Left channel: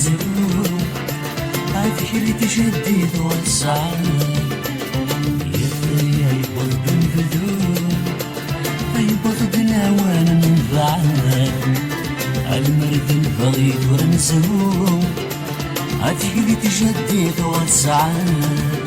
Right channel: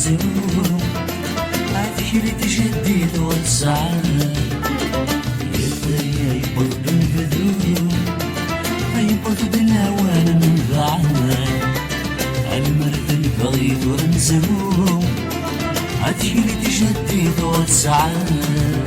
ورنزهو عذكري تجديد والسعادة يا يبض بنبذو يبض بناوانا ننفعاد المرد البغيض ورنزهو عذكري تجديد والسعادة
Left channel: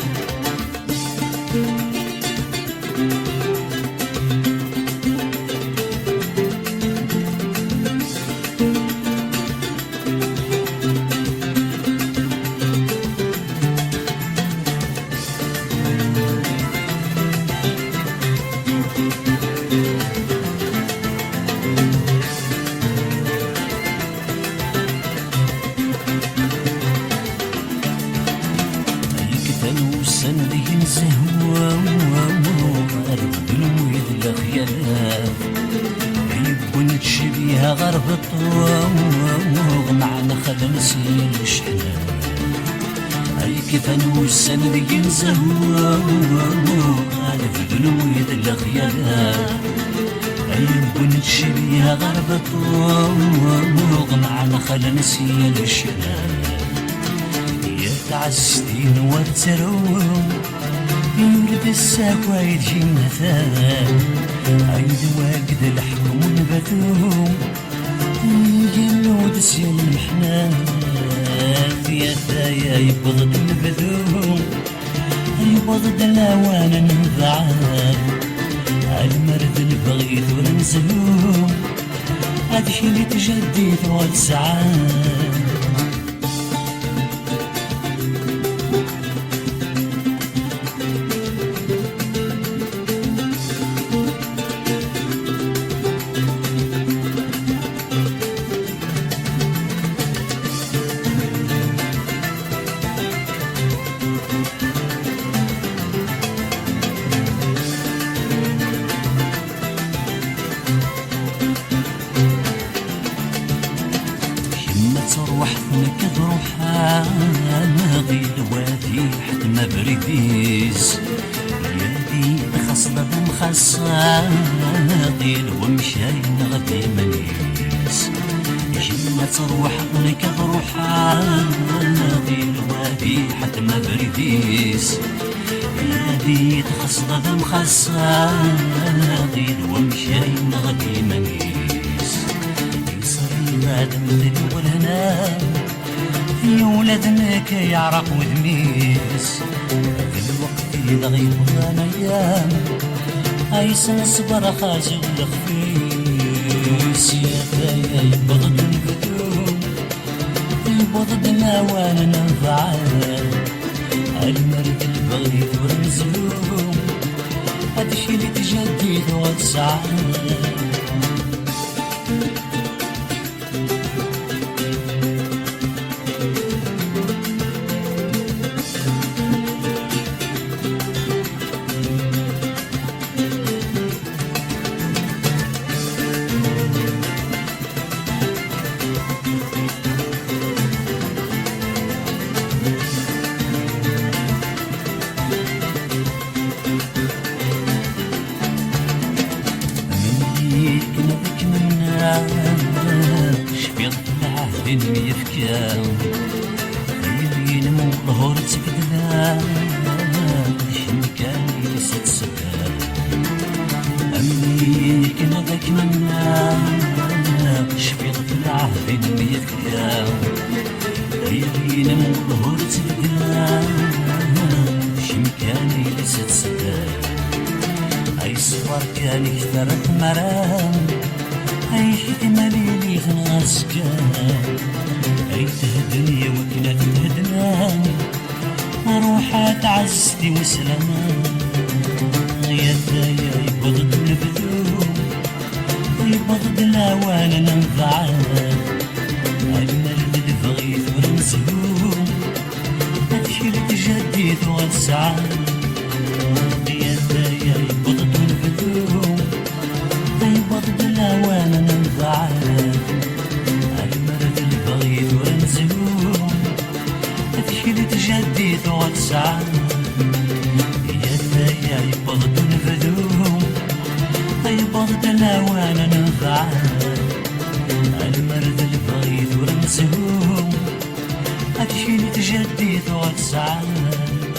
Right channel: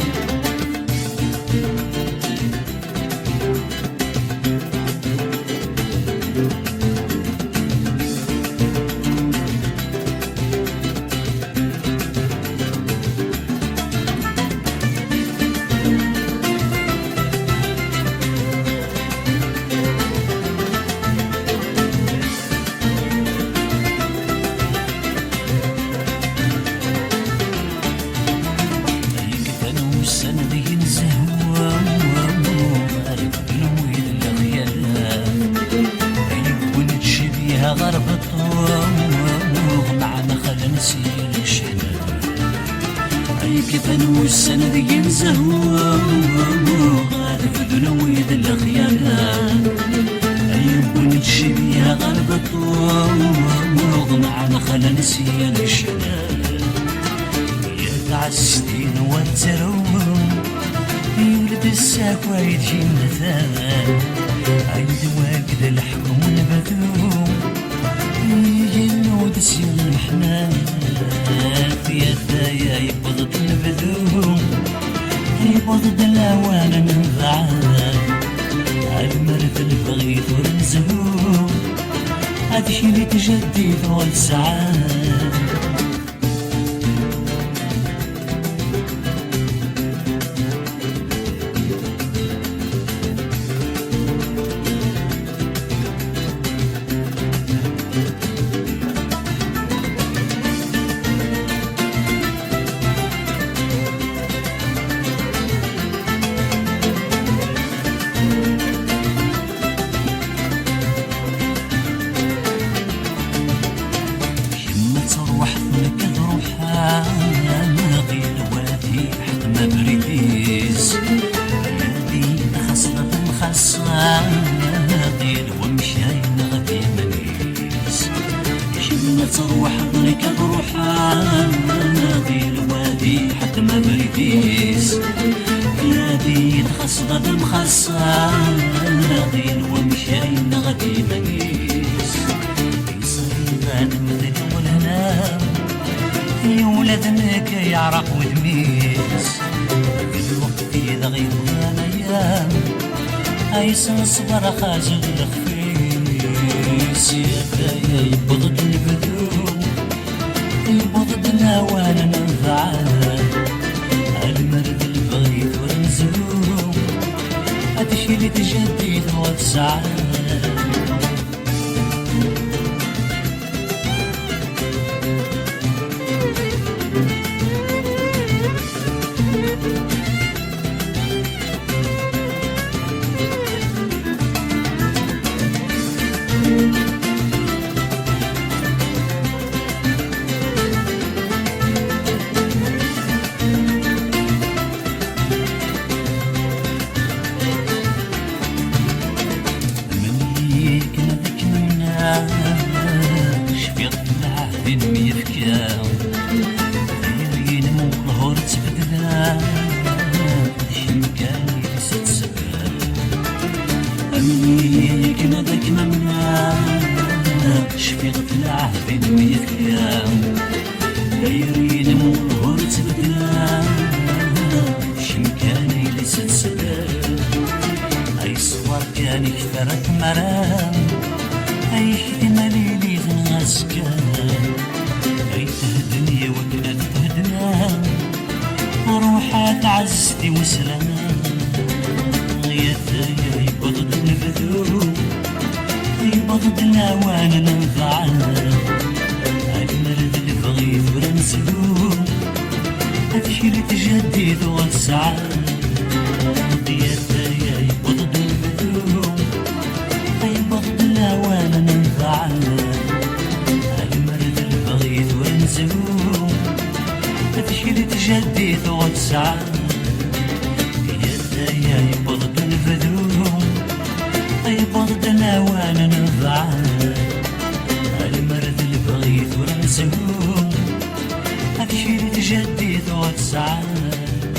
كتنو السنة ذي نزهو البدن ويد الخيالات يبون تشبيها غرب الطوغ معنا خلا نسي الشحنات أي كتنو السنة ذي نزهو البدن ويد الخيالات يبون تشبيها غرب الطوغ معنا خلا نسي الشحنات عزتين وارتروم يولد الساكوى يجي مثال عيد واقد الحكم ونبذوم يجنود سيل المحنات يا ثايا يبضد نبذوم يبضد الاوانا ننفعال عالمرد البغيث ورنزهوم هادشي اللي تجديد والسعاد ما تروح ثنك ذروحها ناضي الوادي حتى ما بريديس يادي خاصة مخصة ناضي الومشاين غادي منيس ما تروح ثنك ذروحها ناضي الوادي حتى ما بريديس يادي خاصة مخصة ناضي الومشاين غادي منيس غاد مثل والهنا يا ولادنا كيعرق ودميس هذا الوقت إذا غيبغان أيام أيسن صبر خازو الخفيس يا ثايا يبغض نبدو يبغض نوانا ننفعال المرد البغيث ورنزهوم هادشي اللي تجديد وتسعاد كنا ذاك منا شفيط العهد ميفكا خيرين مو الظهور تبدلا شمكان يلسد سبا أمي كنا ذاك منا شفيط العهد ميفكا خيرين مو الظهور تبدلا شمكان يلسد سبا أي صور كان كثرت مرام أي خدمة ليلي غنازكان أي تهدني وكنا تهدنا روحات عزتي وسلامة يا ثايا يبغض نبذو يبغض الأوان ننفعال المرد البغيث ورنزهو هادشي اللي تجديد والسعاد يا ثايا يبغض نبذو يبغض الأوان ننفعال المرد البغيث ورنزهو هادشي اللي تجديد والسعاد يا ثايا يبغض نبذو يبغض الأوان ننفعال المرد البغيث ورنزهو هادشي اللي تجدد وتسعد